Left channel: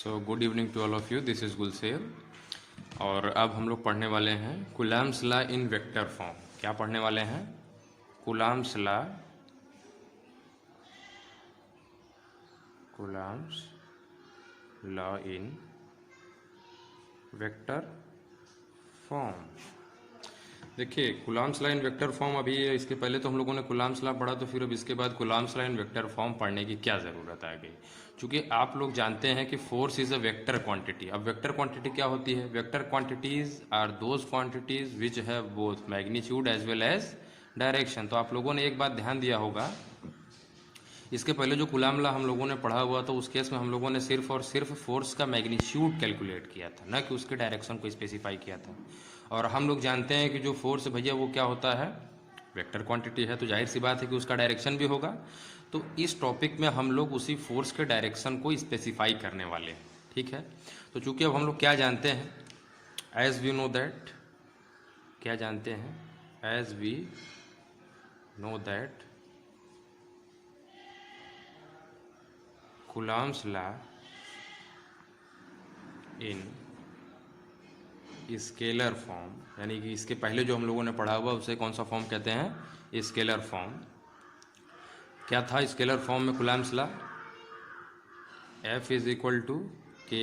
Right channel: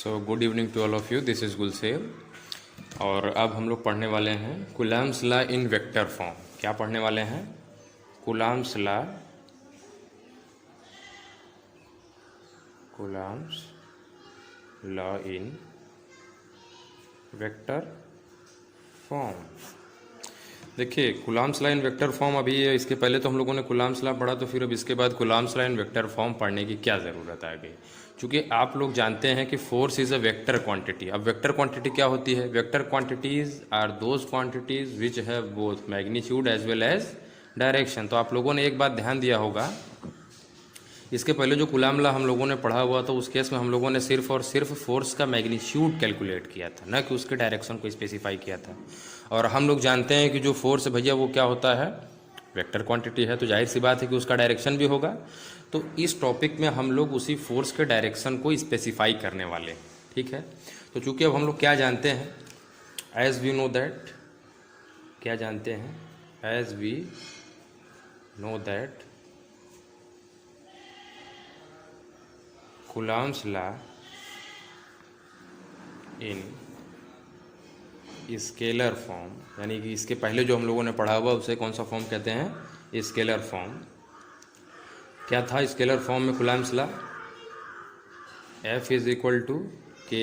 So good evening to all of you, this is Gulsev. और अब हम लोग पढ़ने वाले हैं Coulomb's law in vector form. क्या पढ़ने वाले हैं? Coulomb's law in vector form. देखिए, Coulomb's law in vector form, अभी इसके पहले तो हम लोगों ने कूलम्ब्स लॉ पढ़ा, तो फिर अब इसके बाद Coulomb's law in vector form पढ़ने की क्या ज़रूरत आ गई? क्योंकि आप लोग जानते हैं कि force is a vector quantity. अब वेक्टर क्वांटिटी क्या होती है? Vector quantities are those quantities which have both magnitude as well as direction. तो आप लोगों ने एक बात ध्यान दिया होगा, इसके पहले जो कूलम्ब लॉ हम लोगों ने पढ़ा हुआ था, उस केस में हम लोगों ने सिर्फ और सिर्फ फोर्स का मैग्नीट्यूड कैलकुलेट किया था, न कि उसके डायरेक्शन को स्पेसिफाई किया था। और हम लोग जानते हैं कि जो फोर्स भैया वो क्या होता है? वेक्टर क्वांटिटी है, तो जाहिर सी बात है कि उसका डायरेक्शन भी होगा। तो इस टॉपिक में हम लोग उसी फोर्स के डायरेक्शन को स्पेसिफाई करने वाले हैं, ठीक है। तो चूंकि अब हम लोग क्या जानते हैं, एज वी नो दैट, क्या जानते हैं? As we know that coulomb's law in scalar form, यानी कि इसके पहले जो हम लोगों ने पढ़ा हुआ उसे कौन सा फॉर्म कहते हैं? Scalar form. क्या था स्केलर फॉर्म में coulomb's law? F is equal to K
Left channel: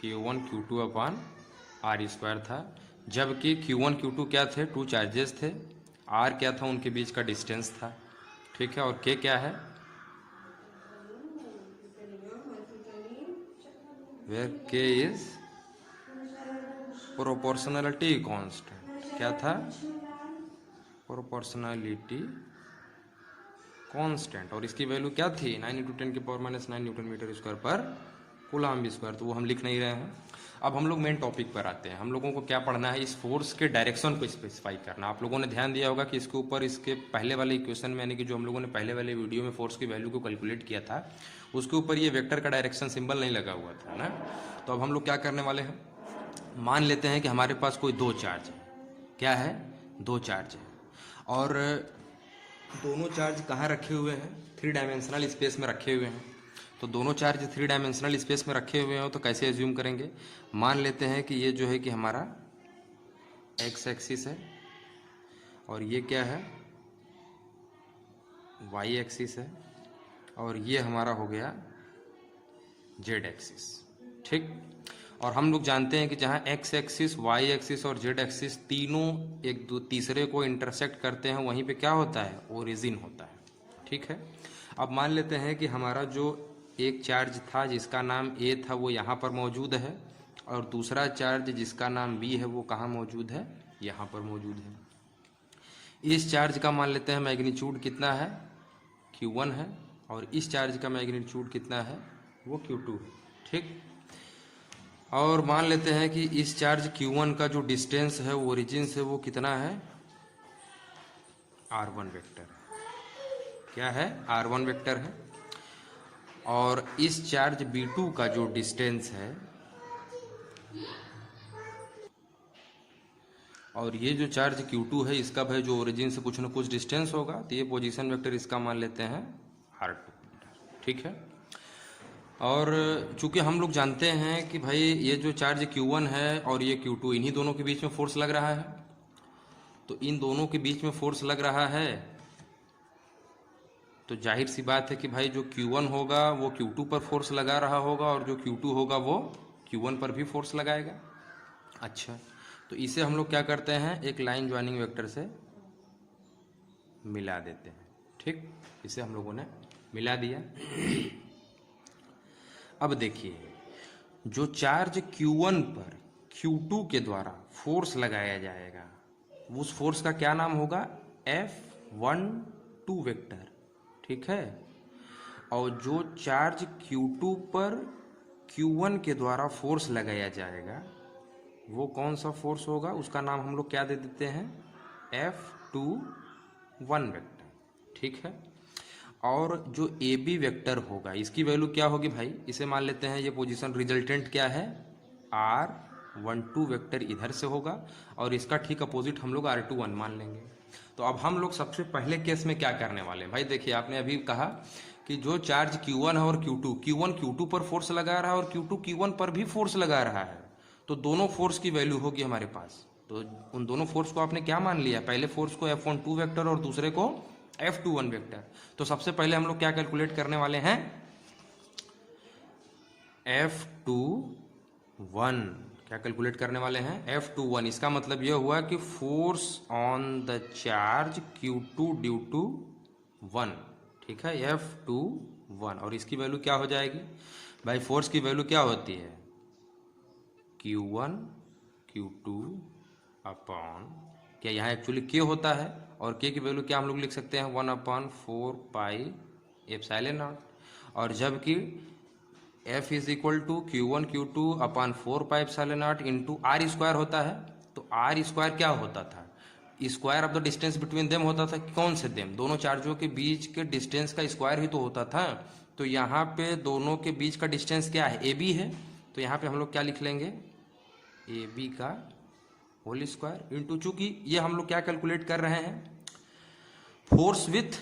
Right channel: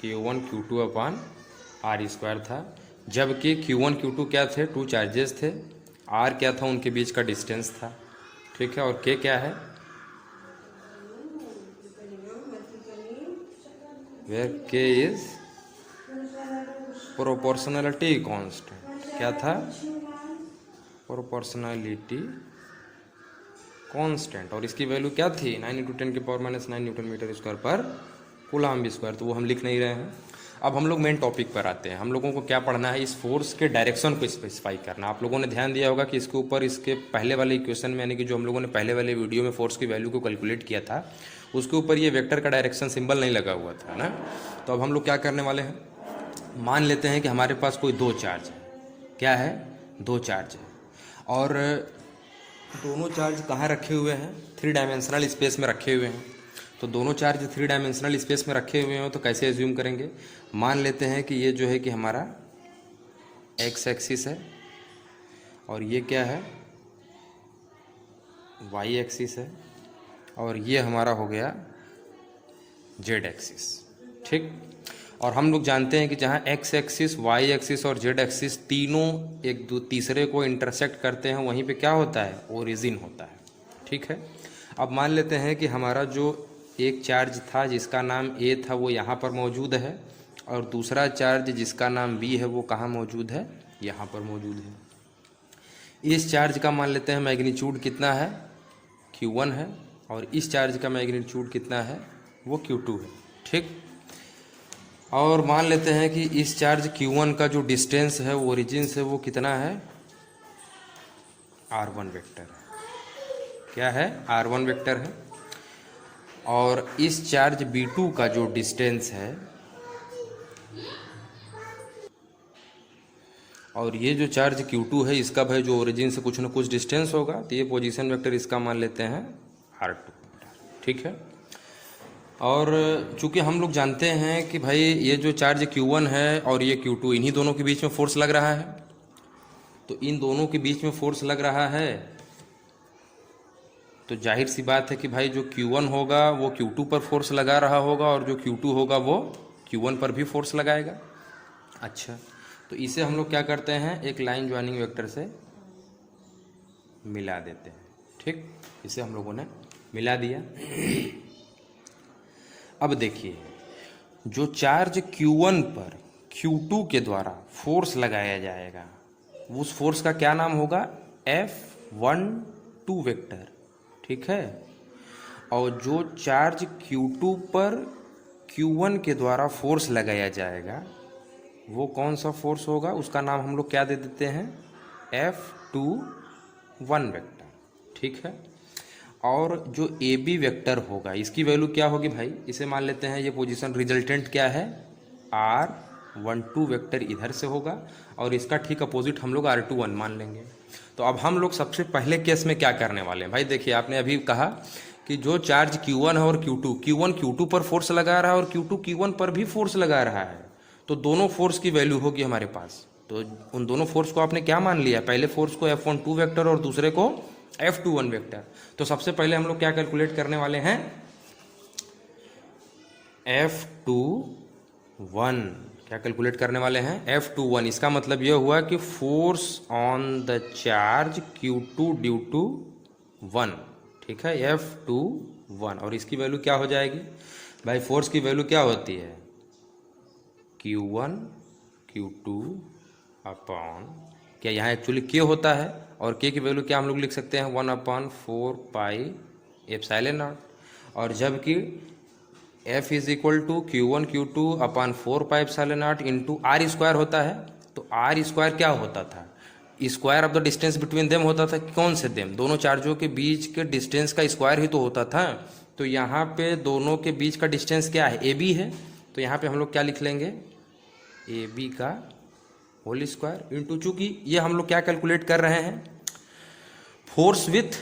Q1 Q2 upon R square था, जबकि Q1 Q2 क्या थे? टू चार्जेस थे। R क्या था? उनके बीच का डिस्टेंस था, ठीक है। और K क्या है? Where K is proportionality constant. क्या था? Proportionality constant. और इसकी वैल्यू क्या थी? 9 × 10⁻⁹ न्यूटन मीटर स्क्वायर पर कूलम्ब स्क्वायर। तो वो हम लिख नहीं रहे हैं। अब हम लोग मेन टॉपिक पर आते हैं। हम लोगों को क्या पढ़ना है? इस फोर्स के डायरेक्शन को स्पेसिफाई करना। आप लोगों ने ध्यान दिया होगा कि इसके ऊपर, इसके पहले वाले इक्वेशन में, यानी कि जो हम लोगों ने पहले वाले वीडियो में फोर्स की वैल्यू को कैलकुलेट किया था, उसके ऊपर ये वेक्टर का डायरेक्शन सिंबल नहीं लगा हुआ था ना। तो अब हम लोग क्या करने वाले हैं, मान लेते हैं कि हमारे पास कोई दो चार्ज है। क्या है? दो चार्ज है, और दोनों चार्ज कहाँ रखे हुए हैं? 3 डायमेंशनल स्पेस में रखे हुए हैं। तो दोनों चार्ज 3 डायमेंशनल स्पेस में रखे हुए हैं, तो कैसे एज्यूम करेंगे? मान लेते हैं कि ये जो है कि हमारा एक्स एक्सिस है, और ये क्या है? वाई एक्सिस है, और ये हमारा हो गया जेड एक्सिस, ठीक। और हम लोग जानते हैं कि जहाँ एक्स एक्सिस, वाई एक्सिस और जेड एक्सिस तीनों एक तीसरे को इंटरसेक्ट करते हैं, वहीं पे क्या होता है? ओरिजिन होता है, ठीक है। अब मान लेते हैं कि हमारा जो एक चार्ज था जिसका नाम ए था, वो यहाँ पर मौजूद है, और दूसरा चार्ज जिसका नाम बी है वो कहाँ मौजूद है? यहाँ पर मौजूद है। इस चार्ज का मान लेते हैं मैग्नीट्यूड कितना है? Q1 है, और इस चार्ज का मैग्नीट्यूड कितना है? वो Q2 है, ठीक। और मान लेते हैं कि इस चार्ज Q1 का जो डिस्टेंस है वो ओरिजिन से वो कितना है? R1 वेक्टर है। क्या है? R1 वेक्टर है। और इस चार्ज B2 का जो डिस्टेंस है, और ये जो चार्ज Q2 है, इसका भाई जो ओरिजिन से कुछ न कुछ डिस्टेंस होगा, तो ये पोजीशन वेक्टर इसका मान लेते हैं R2, ठीक है। और चूंकि हम लोग जानते हैं कि भाई ये जो चार्ज Q1 है और ये Q2, इन्हीं दोनों के बीच में फोर्स लग रहा है। तो इन दोनों के बीच में फोर्स लग रहा है, तो जाहिर सी बात है कि भाई जो Q1 होगा वो Q2 पर फोर्स लगा रहा होगा, और जो Q2 होगा वो Q1 पर भी फोर्स लगाएगा। अच्छा, तो इसे हम लोग क्या करते हैं? एक लाइन ज्वाइनिंग वेक्टर से मिला देते हैं, ठीक। इसे हम लोगों ने मिला दिया। अब देखिए, जो चार्ज Q1 पर Q2 के द्वारा फोर्स लगाया जाएगा, उस फोर्स का क्या नाम होगा? F12 वेक्टर, ठीक है। और जो चार्ज Q2 पर Q1 के द्वारा फोर्स लगाया जाएगा, वो कौन सा फोर्स होगा? उसका नाम हम लोग क्या दे देते हैं? F21 वेक्टर, ठीक है। और जो ए बी वेक्टर होगा, इसकी वैल्यू क्या होगी भाई? इसे मान लेते हैं ये पोजीशन रिजल्टेंट क्या है? R12 वेक्टर इधर से होगा, और इसका ठीक अपोजिट हम लोग R21 मान लेंगे। तो अब हम लोग सबसे पहले केस में क्या करने वाले हैं भाई? देखिए, आपने अभी कहा कि जो चार्ज Q1 है और Q1 Q2 पर फोर्स लगा रहा है और Q2 Q1 पर भी फोर्स लगा रहा है, तो दोनों फोर्स की वैल्यू होगी हमारे पास। तो उन दोनों फोर्स को आपने क्या मान लिया, पहले फोर्स को F12 वेक्टर और दूसरे को F21 वेक्टर। तो सबसे पहले हम लोग क्या कैलकुलेट करने वाले हैं, F21 क्या कैलकुलेट करने वाले हैं, F21। इसका मतलब यह हुआ कि force on the charge Q2 due to 1, ठीक है, F21। और इसकी वैल्यू क्या हो जाएगी भाई, फोर्स की वैल्यू क्या होती है, Q1 Q2 अपॉन, क्या यहाँ एक्चुअली K होता है, और K की वैल्यू क्या हम लोग लिख सकते हैं, 1/4 पाई एप्सिलॉन नॉट। और जबकि F is equal to Q1 Q2 upon 4 pi epsilon naught into r square होता है। तो आर स्क्वायर क्या होता था, square of the distance between them होता था। कौन से देम, दोनों चार्जों के बीच के डिस्टेंस का स्क्वायर ही तो होता था। तो यहाँ पे दोनों के बीच का डिस्टेंस क्या है, AB है। तो यहाँ पे हम लोग क्या लिख लेंगे, AB का होल स्क्वायर इंटू, चूंकि ये हम लोग क्या कैलकुलेट कर रहे हैं, फोर्स विथ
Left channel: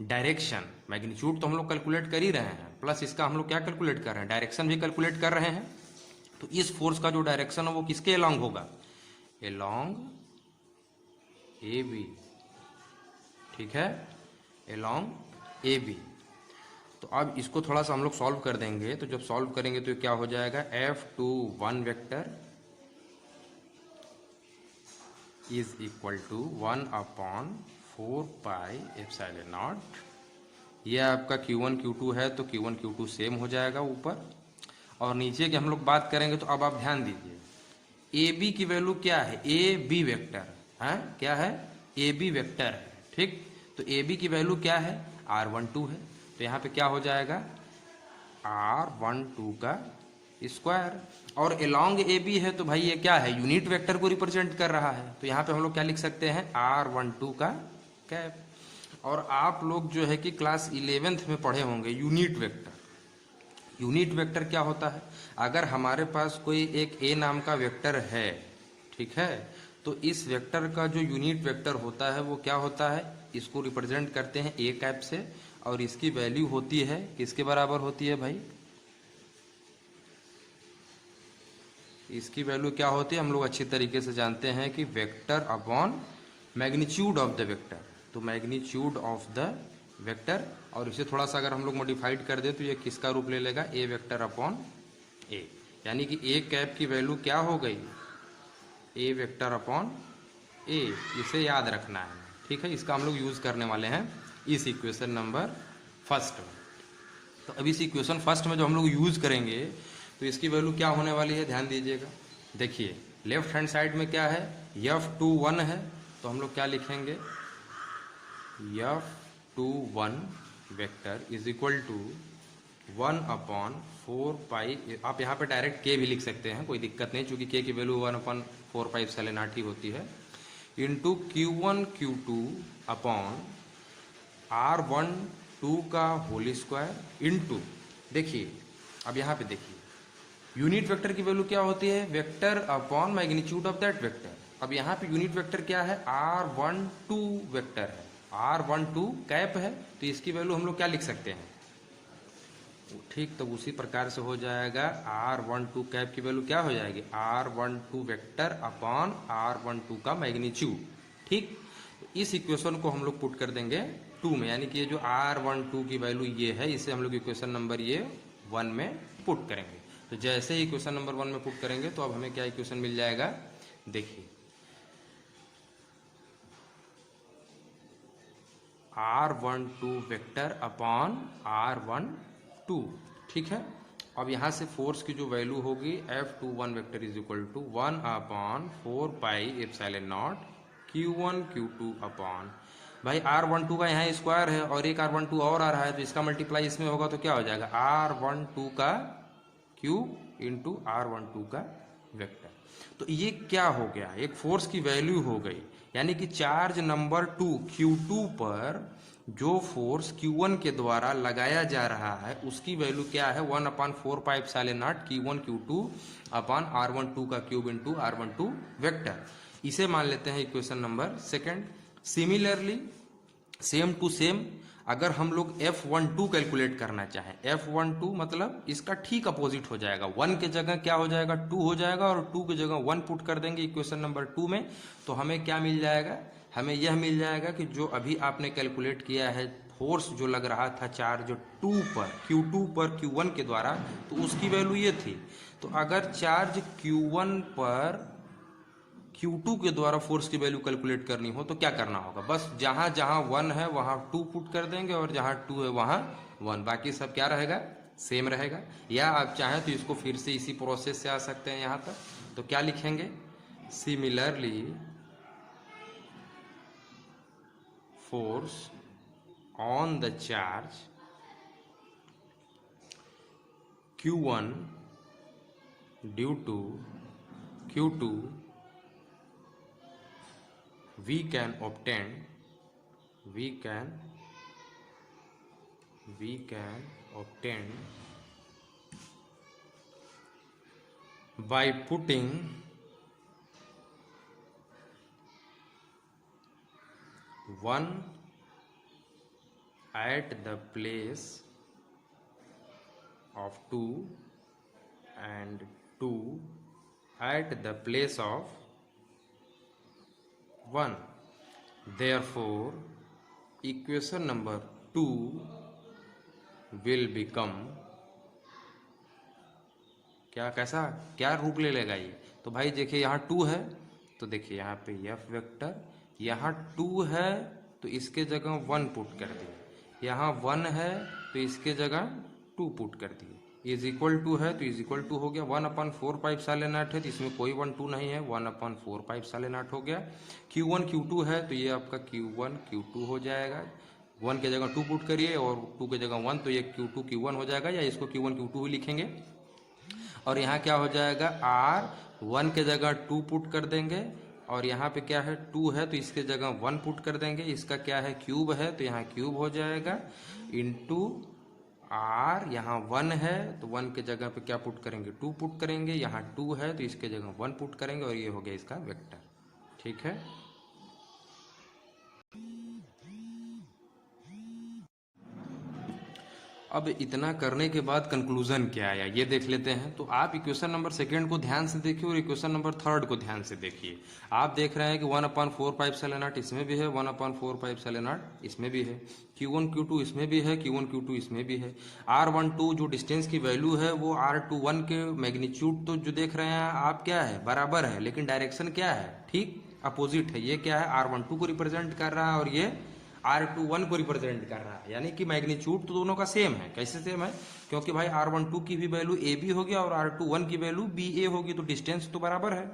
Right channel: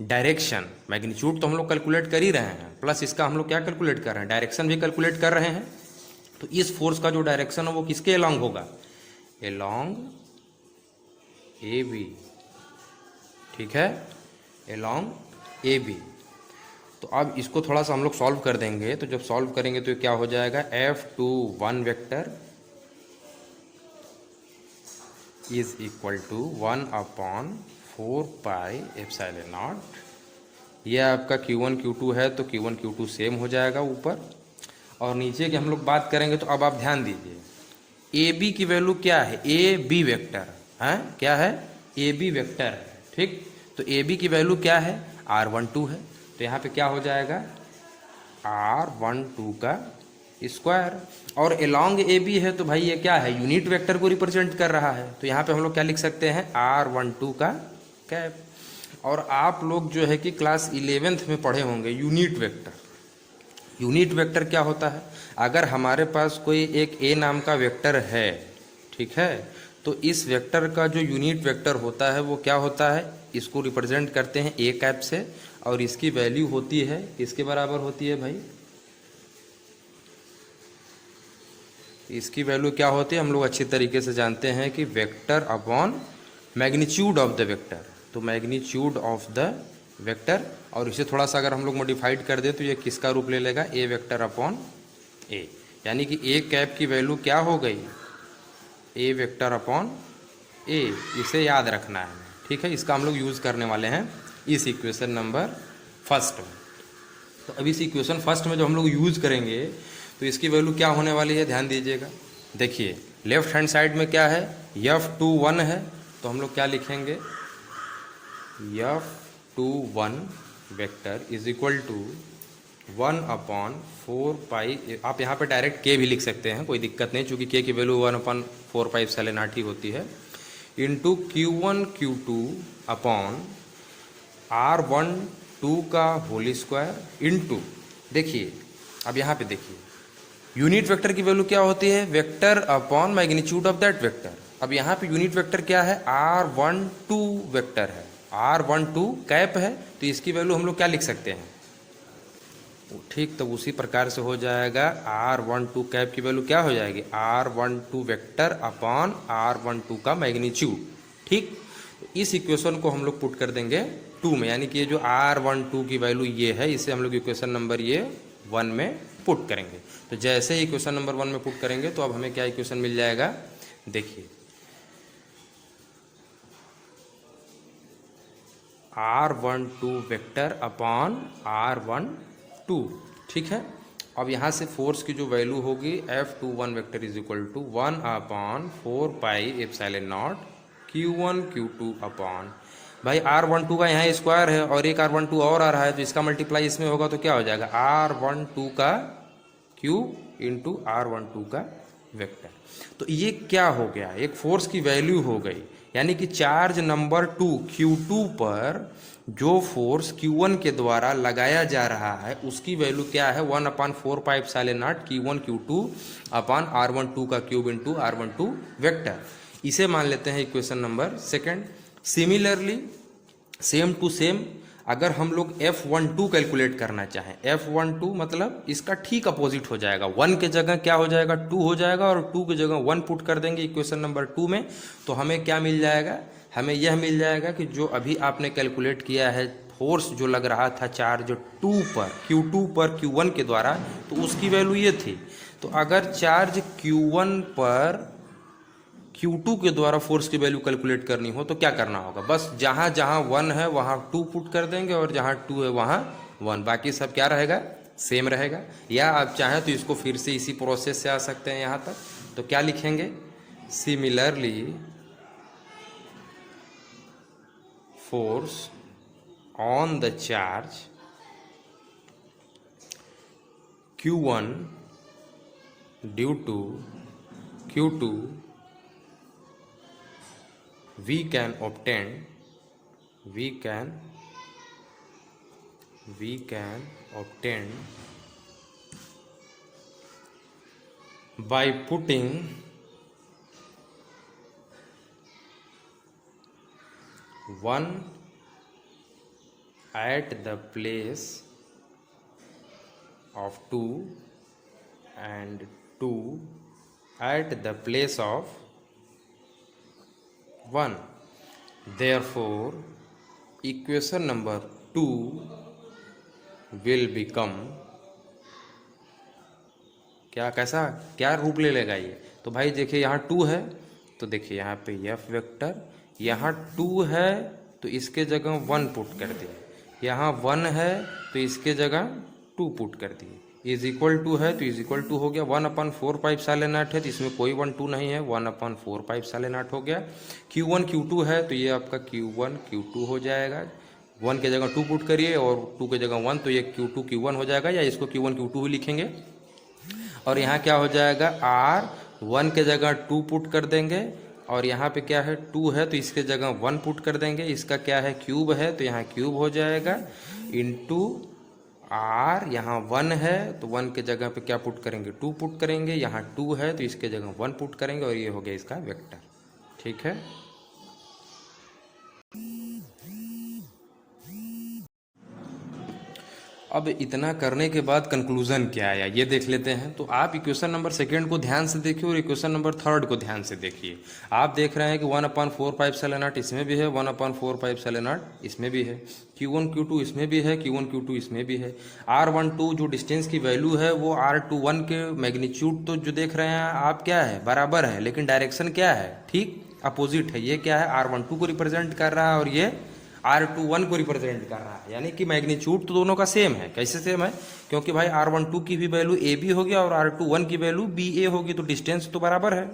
डायरेक्शन। मैग्नीट्यूड तो हम लोग कैलकुलेट कर ही रहे हैं, प्लस इसका हम लोग क्या कैलकुलेट कर रहे हैं, डायरेक्शन भी कैलकुलेट कर रहे हैं। तो इस फोर्स का जो डायरेक्शन है वो किसके अलोंग होगा, अलोंग AB, ठीक है, अलोंग AB। तो अब इसको थोड़ा सा हम लोग सॉल्व कर देंगे। तो जब सॉल्व करेंगे तो क्या हो जाएगा, F21 vector is equal to 1/4 pi epsilon naught. यह आपका Q1 Q2 है, तो Q1 Q2 सेम हो जाएगा ऊपर। और नीचे की हम लोग बात करेंगे, तो अब आप ध्यान दीजिए, AB की वैल्यू क्या है, AB वेक्टर है, क्या है, AB वेक्टर है, ठीक। तो AB की वैल्यू क्या है, R12 है। तो यहाँ पे क्या हो जाएगा, R12 का स्क्वायर। और अलोंग AB है, तो भाई ये क्या है, यूनिट वेक्टर को रिप्रेजेंट कर रहा है। तो यहाँ पे हम लोग क्या लिख सकते हैं, R12 का कैप। और आप लोग जो है कि क्लास 11th में पढ़े होंगे यूनिट वेक्टर। यूनिट वेक्टर क्या होता है, अगर हमारे पास कोई एक A नाम का वेक्टर है, ठीक है, तो इस वेक्टर का जो यूनिट वेक्टर होता है वो क्या होता है, इसको रिप्रेजेंट करते हैं A कैप से। और इसकी वैल्यू होती है, किसके बराबर होती है भाई, इसकी वैल्यू क्या होती है, हम लोग अच्छी तरीके से जानते हैं कि vector upon magnitude of the vector. तो मैग्नीट्यूड ऑफ द वेक्टर, और इसे थोड़ा सा अगर हम लोग मॉडिफाइड कर दें तो ये किसका रूप ले लेगा, A वेक्टर अपॉन A। यानी कि A कैप की वैल्यू क्या हो गई, A वेक्टर अपॉन A। इसे याद रखना है, ठीक है। इसका हम लोग यूज़ करने वाले हैं इस इक्वेशन नंबर फर्स्ट में। तो अब इस इक्वेशन फर्स्ट में जो हम लोग यूज़ करेंगे, तो इसकी वैल्यू क्या होने वाली है, ध्यान दीजिएगा। देखिए लेफ्ट हैंड साइड में क्या है, F21 है। तो हम लोग क्या लिखेंगे, F21 vector is equal to 1/4 pi, आप यहाँ पे डायरेक्ट K भी लिख सकते हैं, कोई दिक्कत नहीं, चूँकि K की वैल्यू 1/4 पाई एप्सिलॉन नॉट ही होती है, into Q1 Q2 upon R12 का होल स्क्वायर इंटू, देखिए अब यहाँ पे देखिए यूनिट वेक्टर की वैल्यू क्या होती है, vector upon magnitude of that vector. अब यहाँ पे यूनिट वेक्टर क्या है, R12 वेक्टर है, R12 कैप है। तो इसकी वैल्यू हम लोग क्या लिख सकते हैं, ठीक। तो उसी प्रकार से हो जाएगा, R12 कैप की वैल्यू क्या हो जाएगी, R12 वेक्टर अपॉन R12 का मैग्नीट्यूड, ठीक। तो इस इक्वेशन को हम लोग पुट कर देंगे 2 में, यानी कि ये जो R12 की वैल्यू ये है, इसे हम लोग इक्वेशन नंबर ये 1 में पुट करेंगे। तो जैसे ही इक्वेशन नंबर 1 में पुट करेंगे तो अब हमें क्या इक्वेशन मिल जाएगा, देखिए R12 वेक्टर अपॉन R12, ठीक है। अब यहाँ से फोर्स की जो वैल्यू होगी, F21 vector is equal to 1/4 pi epsilon naught Q1 Q2 upon, भाई R12 का यहाँ स्क्वायर है और एक R12 और आ रहा है, तो इसका मल्टीप्लाई इसमें होगा तो क्या हो जाएगा, R12 का क्यूब इंटू R12 का वेक्टर। तो ये क्या हो गया, एक फोर्स की वैल्यू हो गई। यानी कि चार्ज नंबर 2 Q2 पर जो फोर्स Q1 के द्वारा लगाया जा रहा है उसकी वैल्यू क्या है, 1/4 pi epsilon naught Q1 Q2 upon R12 का क्यूब इंटू R12 वेक्टर। इसे मान लेते हैं equation number 2। Similarly same to same अगर हम लोग F12 कैलकुलेट करना चाहें, F12 मतलब इसका ठीक अपोजिट हो जाएगा, 1 के जगह क्या हो जाएगा 2 हो जाएगा, और 2 की जगह 1 पुट कर देंगे इक्वेशन नंबर 2 में, तो हमें क्या मिल जाएगा, हमें यह मिल जाएगा कि जो अभी आपने कैलकुलेट किया है फोर्स जो लग रहा था चार्ज 2 पर Q2 पर Q1 के द्वारा, तो उसकी वैल्यू ये थी। तो अगर चार्ज Q1 पर Q2 के द्वारा फोर्स की वैल्यू कैलकुलेट करनी हो तो क्या करना होगा, बस जहाँ जहाँ 1 है वहाँ 2 पुट कर देंगे, और जहाँ 2 है वहाँ 1, बाकी सब क्या रहेगा, सेम रहेगा। या आप चाहें तो इसको फिर से इसी प्रोसेस से आ सकते हैं यहाँ तक, तो क्या लिखेंगे, similarly force on the charge Q1 due to Q2 we can obtain by putting one at the place of 2 and 2 at the place of 1. Therefore, equation number 2 will become कैसा क्या रूप ले लेगा ये, तो भाई देखिए यहाँ 2 है, तो देखिए यहाँ पे F वेक्टर, यहाँ 2 है तो इसके जगह 1 पुट कर दिए, यहाँ 1 है तो इसके जगह 2 पुट कर दिए, इज इक्वल टू है तो इज इक्वल टू हो गया 1/4 पाइप साइलेंट है, तो इसमें कोई 1 2 नहीं है, 1/4 पाइप साइलेंट हो गया। Q1 Q2 है तो ये आपका Q1 Q2 हो जाएगा, 1 के जगह 2 पुट करिए और 2 के जगह 1, तो ये Q2 Q1 हो जाएगा, या इसको Q1 Q2 ही लिखेंगे। और यहाँ क्या हो जाएगा, R 1 के जगह 2 पुट कर देंगे, और यहाँ पे क्या है 2 है तो इसके जगह 1 पुट कर देंगे, इसका क्या है क्यूब है तो यहाँ क्यूब हो जाएगा, इंटू R यहाँ 1 है तो 1 के जगह पे क्या पुट करेंगे 2 पुट करेंगे, यहाँ 2 है तो इसके जगह 1 पुट करेंगे, और ये हो गया इसका वेक्टर। ठीक है, अब इतना करने के बाद कंक्लूजन क्या आया ये देख लेते हैं। तो आप इक्वेशन नंबर 2 को ध्यान से देखिए और इक्वेशन नंबर 3 को ध्यान से देखिए। आप देख रहे हैं कि 1/4 पाइप साइलेंट इसमें भी है, 1/4 पाइप साइलेंट इसमें भी है, Q1 Q2 इसमें भी है, Q1 Q2 इसमें भी है। R12 जो डिस्टेंस की वैल्यू है वो R21 के मैग्नीट्यूड तो जो देख रहे हैं आप क्या है बराबर है, लेकिन डायरेक्शन क्या है ठीक अपोजिट है। ये क्या है R12 को रिप्रेजेंट कर रहा है और ये R21 को रिप्रेजेंट कर रहा है, यानी कि मैग्नीट्यूड तो दोनों का सेम है। कैसे सेम है, क्योंकि भाई R12 की भी वैल्यू AB होगी और R21 की वैल्यू BA होगी, तो डिस्टेंस तो बराबर है,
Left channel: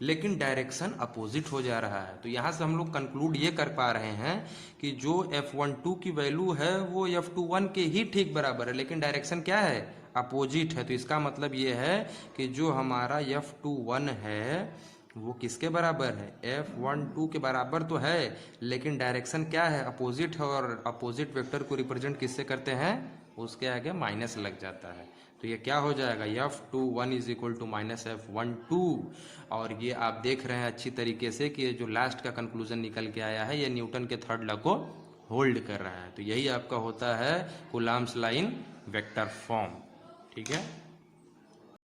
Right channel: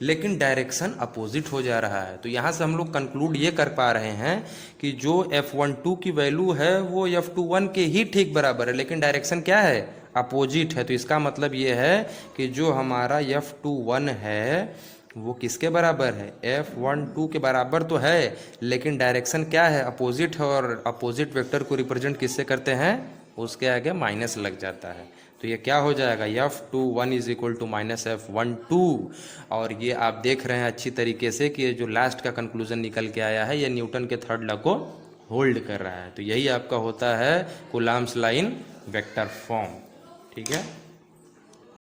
लेकिन डायरेक्शन अपोजिट हो जा रहा है। तो यहाँ से हम लोग कंक्लूड ये कर पा रहे हैं कि जो F12 की वैल्यू है वो F21 के ही ठीक बराबर है, लेकिन डायरेक्शन क्या है अपोजिट है। तो इसका मतलब ये है कि जो हमारा F21 है वो किसके बराबर है, F12 के बराबर तो है, लेकिन डायरेक्शन क्या है अपोजिट है, और अपोजिट वेक्टर को रिप्रेजेंट किससे करते हैं, उसके आगे माइनस लग जाता है। तो ये क्या हो जाएगा F21 is equal to minus F12। और ये आप देख रहे हैं अच्छी तरीके से कि ये जो लास्ट का कंक्लूजन निकल के आया है ये न्यूटन के थर्ड लॉ को होल्ड कर रहा है। तो यही आपका होता है कूलम्ब्स लाइन वेक्टर फॉर्म। ठीक है।